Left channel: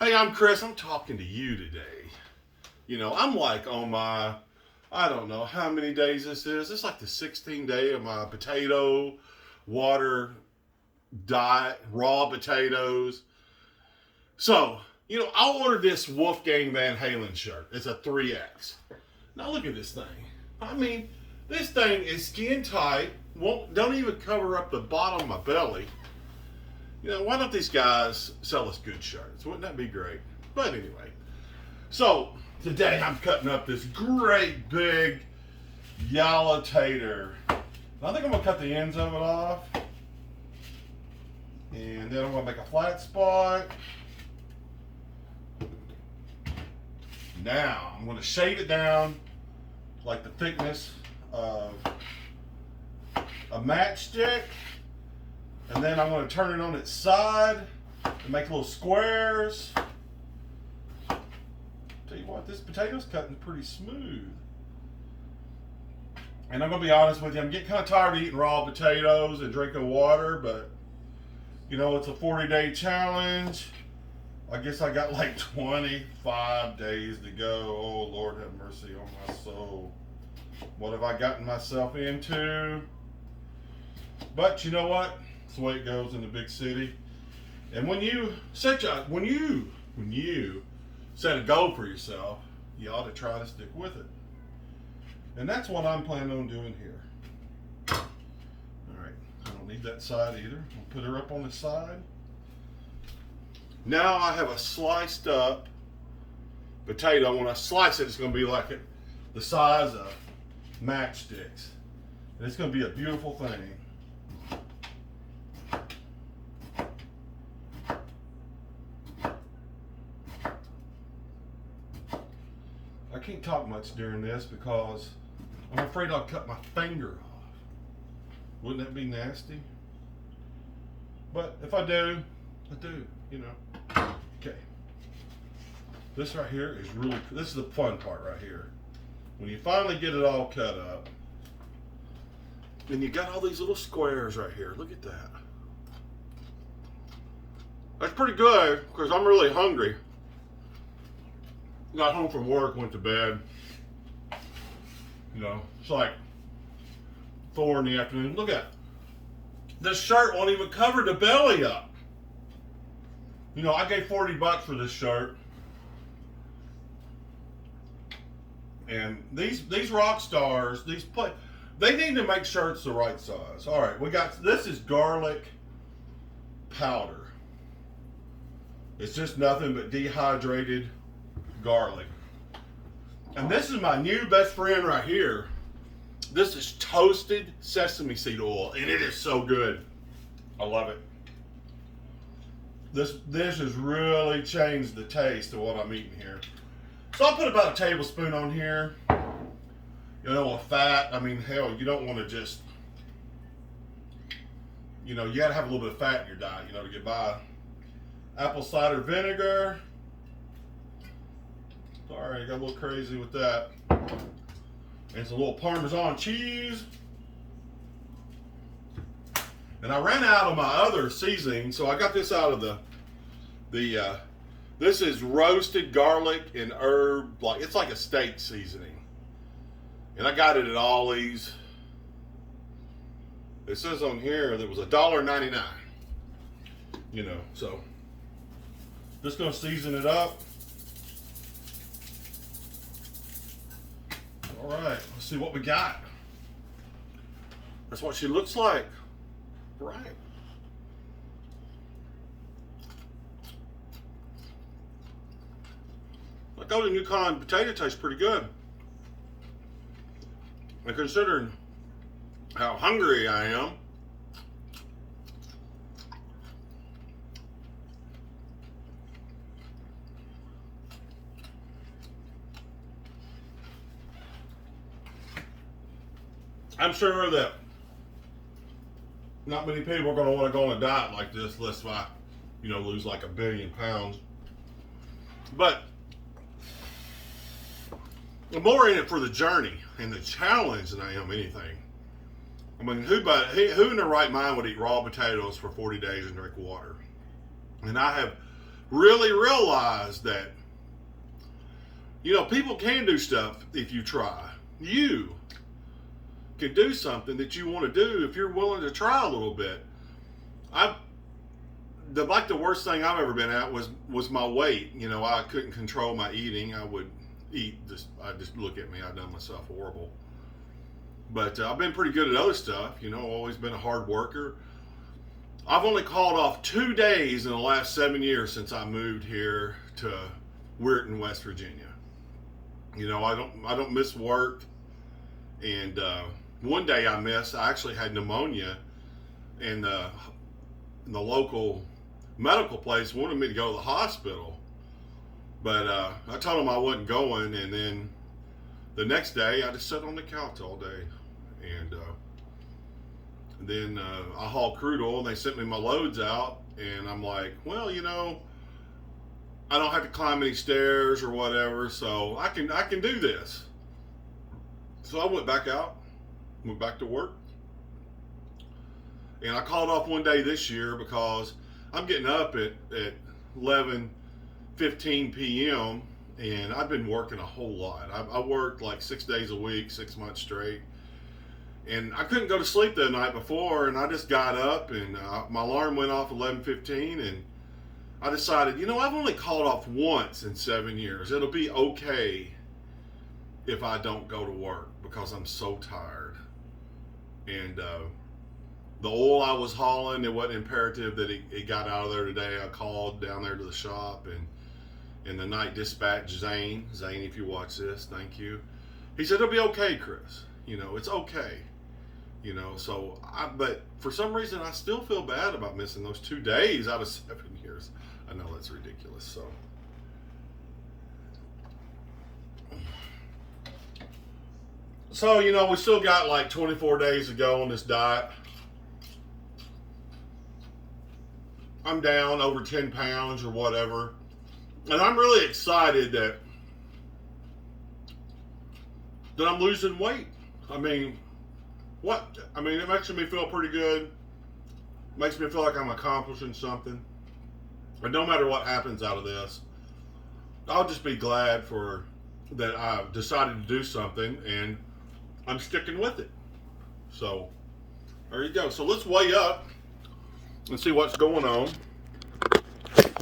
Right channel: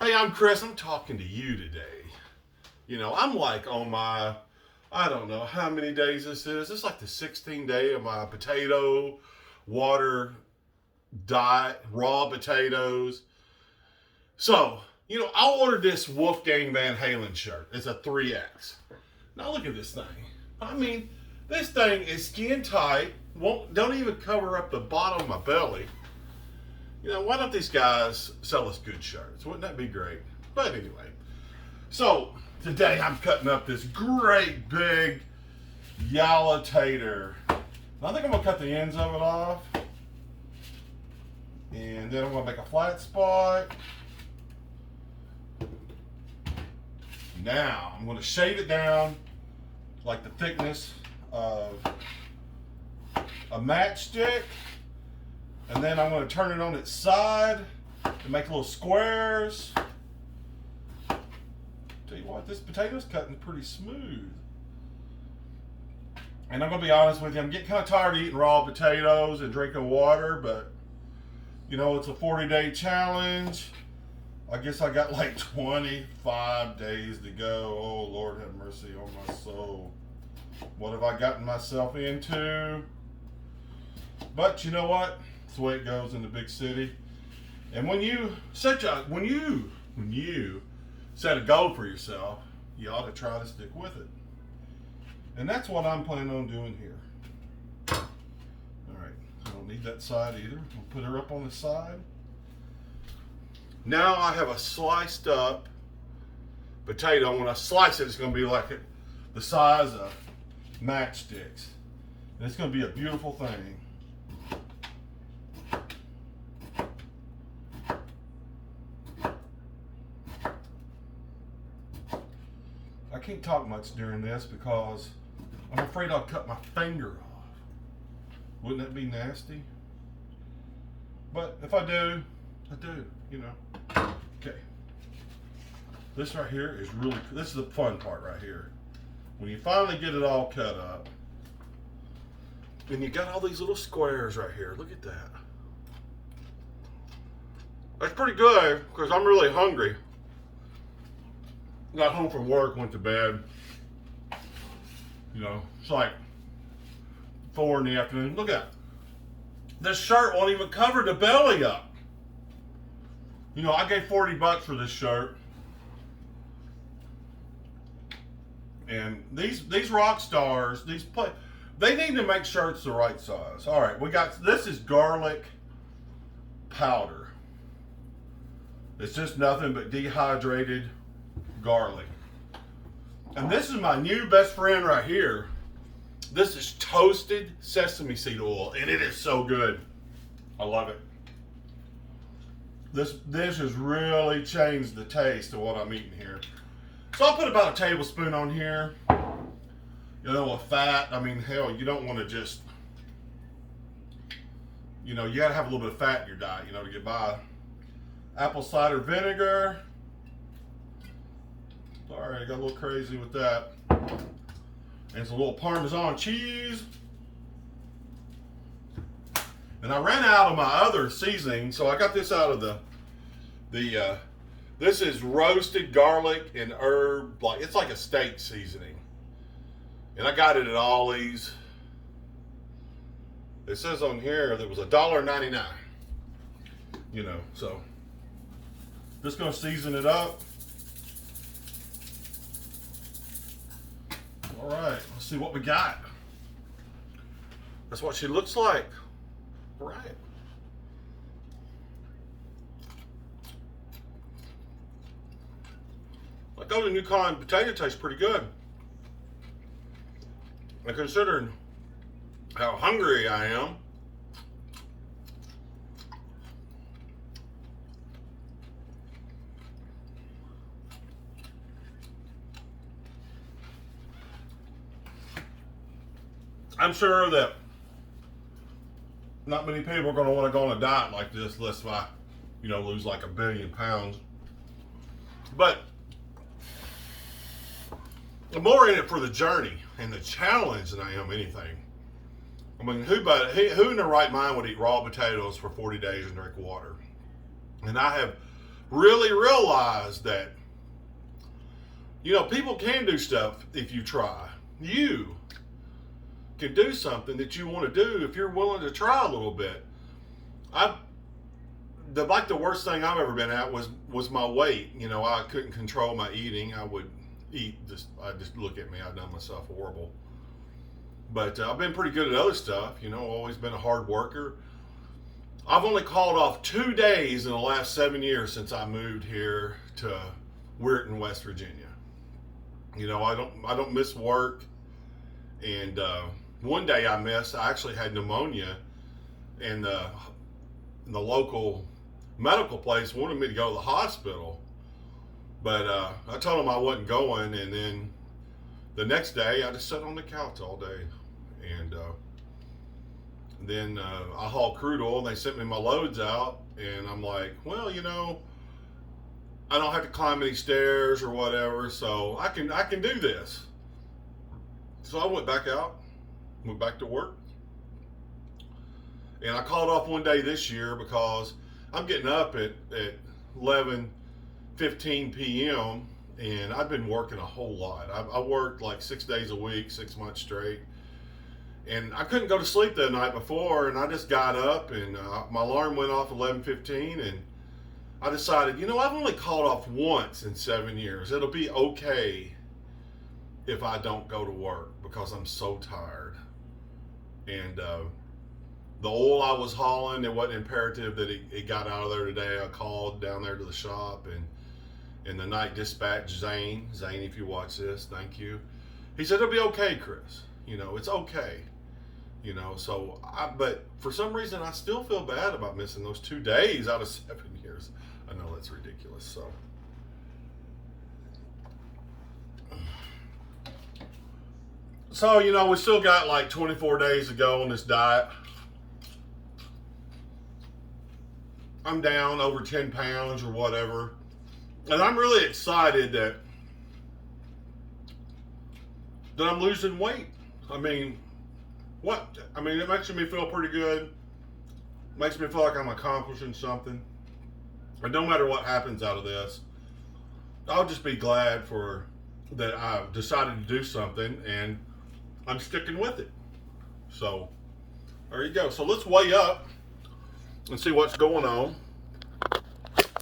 Hey, I'm Chris. I'm talking to you today. I'm like on my, I don't know how many days this is. It's like the 16th day of my potato water diet, raw potatoes. So, I ordered this Wolfgang Van Halen shirt. It's a 3X. Now look at this thing. I mean, this thing is skin tight. Don't even cover up the bottom of my belly. Why don't these guys sell us good shirts? Wouldn't that be great? But anyway, so today I'm cutting up this great big yellow tater. I think I'm gonna cut the ends of it off. And then I'm gonna make a flat spot. Now I'm gonna shave it down like the thickness of a matchstick. And then I'm going to turn it on its side and make little squares. Tell you what, this potato's cutting pretty smooth. And I'm going to be honest with you, I'm getting kind of tired of eating raw potatoes and drinking water, but it's a 40-day challenge. I guess I got like 25 days to go. Oh, Lord have mercy on my soul. What have I gotten myself into? But you know what? That's the way it goes in the big city. And when you set a goal for yourself, you ought to try to stick with it. And that's what I'm planning on doing here. All right, I don't need that side either. I'll put her up on the side. Now I have a sliced up potato. When I slice it, it's going to be like the size of matchsticks. And it's going to be a beautiful thing. I can't talk much during this because I'm afraid I'll cut my finger off. Wouldn't that be nasty? But if I do, I do, Okay. This right here is this is the fun part right here. When you finally get it all cut up, and you got all these little squares right here. Look at that. That's pretty good because I'm really hungry. Got home from work, went to bed. It's like 4 in the afternoon. Look at it. This shirt won't even cover the belly up. I gave $40 for this shirt. And these rock stars, they need to make shirts the right size. All right, this is garlic powder. It's just nothing but dehydrated garlic. And this is my new best friend right here. This is toasted sesame seed oil, and it is so good. I love it. This dish has really changed the taste of what I'm eating here. So I'll put about a tablespoon on here. Of fat. I mean, hell, you don't want to just, you gotta have a little bit of fat in your diet, to get by. Apple cider vinegar. Sorry, I got a little crazy with that. And some little Parmesan cheese. And I ran out of my other seasoning, so I got this out of this is roasted garlic and herb, it's like a steak seasoning. And I got it at Ollie's. It says on here that it was $1.99. So just gonna season it up. All right, let's see what we got. That's what she looks like. Right. That golden Yukon potato tastes pretty good. And considering how hungry I am, I'm sure that not many people are going to want to go on a diet like this unless I, lose like 1 billion pounds. But I'm more in it for the journey and the challenge than I am anything. I mean, who in their right mind would eat raw potatoes for 40 days and drink water? And I have really realized that, you know, people can do stuff if you try. You can do something that you want to do if you're willing to try a little bit. The worst thing I've ever been at was my weight. You know, I couldn't control my eating. I would eat I just look at me. I've done myself horrible. But I've been pretty good at other stuff. You know, always been a hard worker. I've only called off 2 days in the last 7 years since I moved here to Weirton, West Virginia. You know, I don't miss work. And one day I missed. I actually had pneumonia, and the local medical place wanted me to go to the hospital. But I told them I wasn't going, and then the next day I just sat on the couch all day. And then I hauled crude oil, and they sent me my loads out, and I'm like, well, you know, I don't have to climb any stairs or whatever, so I can do this. So I went back out, went back to work, and I called off one day this year because I'm getting up at 11:15 p.m. and I've been working a whole lot. I worked like 6 days a week, 6 months straight. And I couldn't go to sleep the night before, and I just got up, and my alarm went off 11:15, and I decided, you know, I've only called off once in 7 years. It'll be okay if I don't go to work because I'm so tired. And the oil I was hauling, it wasn't imperative that it got out of there today. I called down there to the shop, and the night dispatch, Zane, if you watch this, thank you. He said, it'll be okay, Chris. You know, it's okay. You know, so but for some reason I still feel bad about missing those 2 days out of 7 years. I know that's ridiculous. So, you know, we still got like 24 days to go on this diet. I'm down over 10 pounds or whatever. And I'm really excited that I'm losing weight. I mean, it makes me feel pretty good. Makes me feel like I'm accomplishing something. And no matter what happens out of this, I'll just be glad that I decided to do something, and I'm sticking with it. So there you go. So let's weigh up and see what's going on.